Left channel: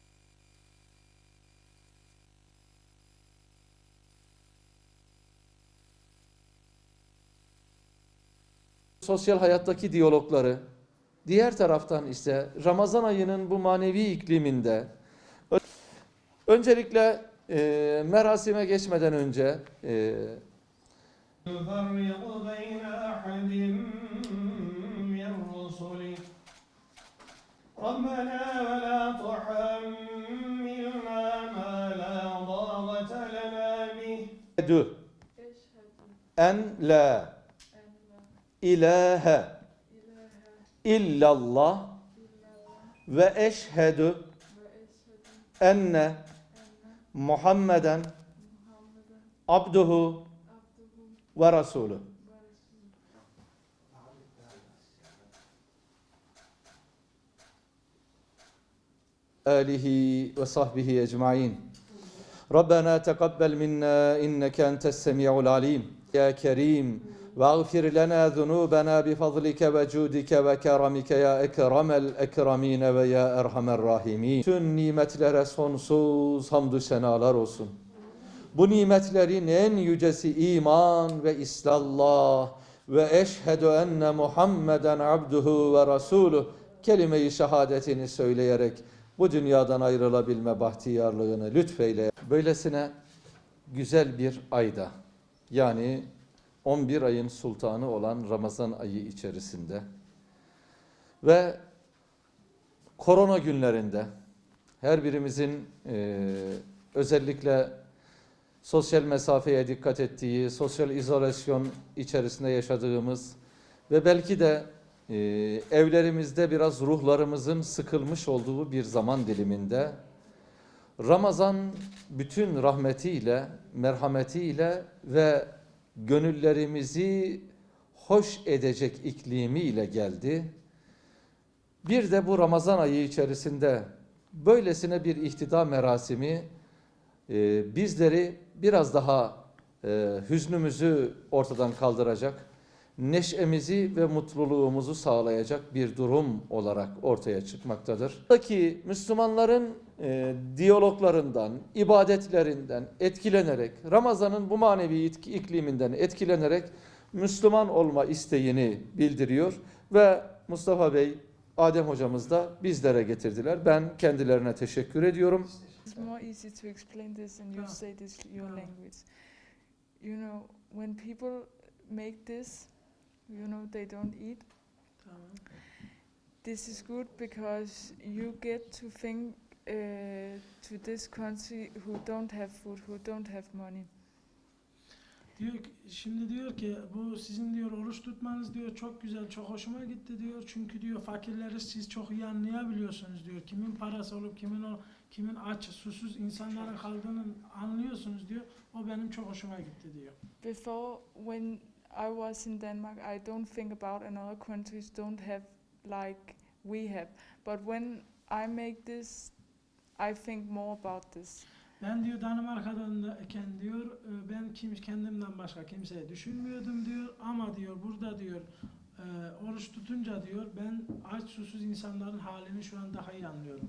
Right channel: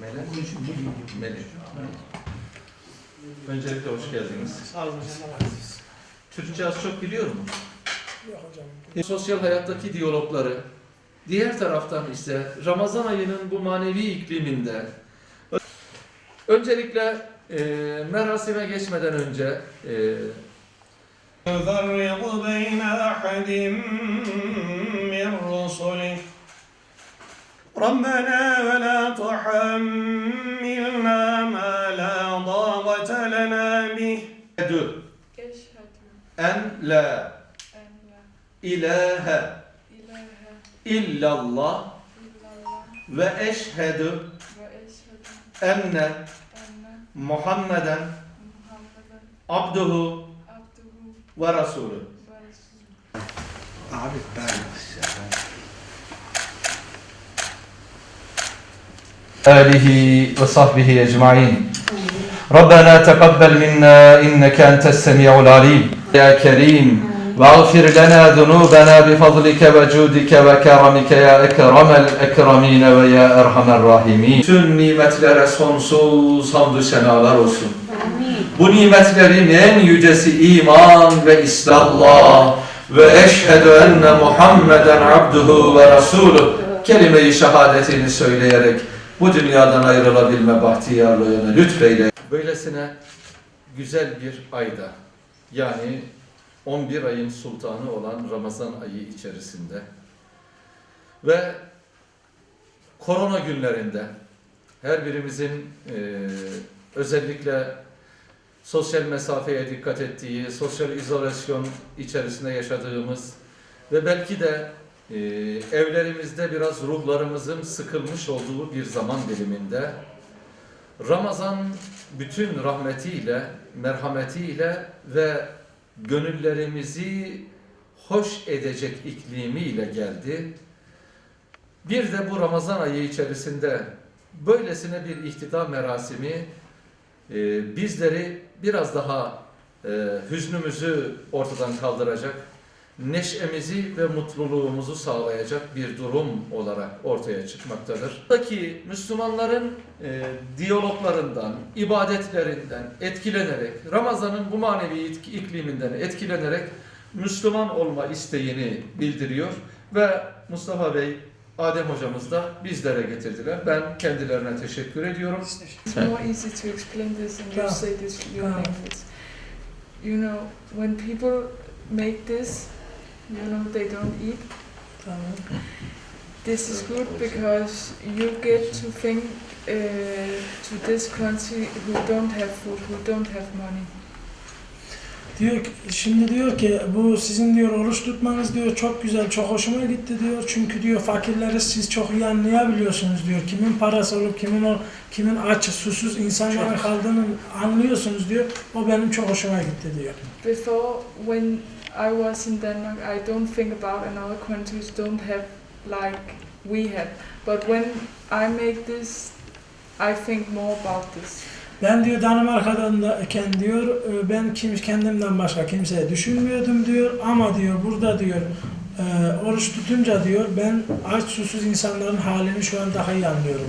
Melek. Melek. Öncelikle hoş geldiniz. Sağ olun hocam. Türkçe az çok biliyor mu? Yok hocam. Sosyal hayattaki diyalogları, diğer taraftan ise Ramazan ayının bu manevi ikliminde öncelikle e, merasime geçmeden önce e, رسله ربنا ولا تحملنا ما لا طاقة لنا به dü Eşhedü en la en la ilahe ilahe illallah illallah ve eşhedü ve eşhedü enne enne Muhammeden Muhammeden abduhu abduhu ve rasulü. ve resulü. Abi ben. آله وصحبه أجمعين ربنا تقبل منا إنك أنت السميع العليم يا كريم واغفر لنا ذنوبنا بفضلك وجودك وكرمك يا أكرم الأكرمين ويا أرحم الراحمين Bütün nimetlere sonsuz hamdü senalar olsun. Bu nimetlerin en yücesi iman ve İslam'la ve eşhedü enne Muhammeden abduhu ve rasuluh kelime-i şehadetini söyleyerek bu dünyadan ayrılabilme bahtiyarlığını lütfeyle. Böylesine güzel bir ayda yani 11 ayın sultanı olan Ramazan ayı içerisinde ve korona günlerinde her birimizin eee, özellikle sosyal mesafeye dikkat ettiği, sosyal izolasyon içerisinde yaşadığımız ve belki de e, evlerimizde biraz ruhlarımızın sıkılmış olduğu bir zaman diliminde Ramazan bütün rahmetiyle, merhametiyle ve gönüllerimizi hoş edecek iklimiyle geldi. Bir de bu Ramazan ayı içerisinde böylesine bir ihtida merasimi e, bizleri biraz daha e, hüznümüzü ortadan kaldıracak, neşemizi ve mutluluğumuzu sağlayacak bir durum olarak ortaya çıkmaktadır. Buradaki Müslümanların e, diyaloglarından, ibadetlerinden etkilenerek, Ramazan'ın bu manevi ikliminden etkilenerek Müslüman olma isteğini bildiriyor ve Mustafa Bey, Adem hocamız da bizlere getirdiler. Ben kendilerine teşekkür ediyorum. It's more easy to explain this and you Yeah. say this your language. You know, when people make this, you know, they don't eat. Tamam. This is good because you get to think uh, to this country who don't have food, who don't have money. Diyor ki, şimdi diyor ki bu sizin diyor oruç tutmanız diyor çok güzel, çok hoşuma gitti diyor. Çünkü diyor fakirleri siz çok iyi anlayabiliyorsunuz diyor. Kimin parası olup kimin o kimin aç, susuz insanların kaldığını anlıyorsunuz diyor. O benim çok hoşuma gitti diyor. Before, when I was in Denmark, I don't think about another countries don't have like we have. But when I make this, I think more about this. Ben diyor Danimarka'dayken diyor e, ben kim kendimden başka kimseye düşünmüyordum diyor ama diyor burada diyor e, oruç tutunca diyor ben aç susuz insanların halini şu an daha iyi anlıyorum.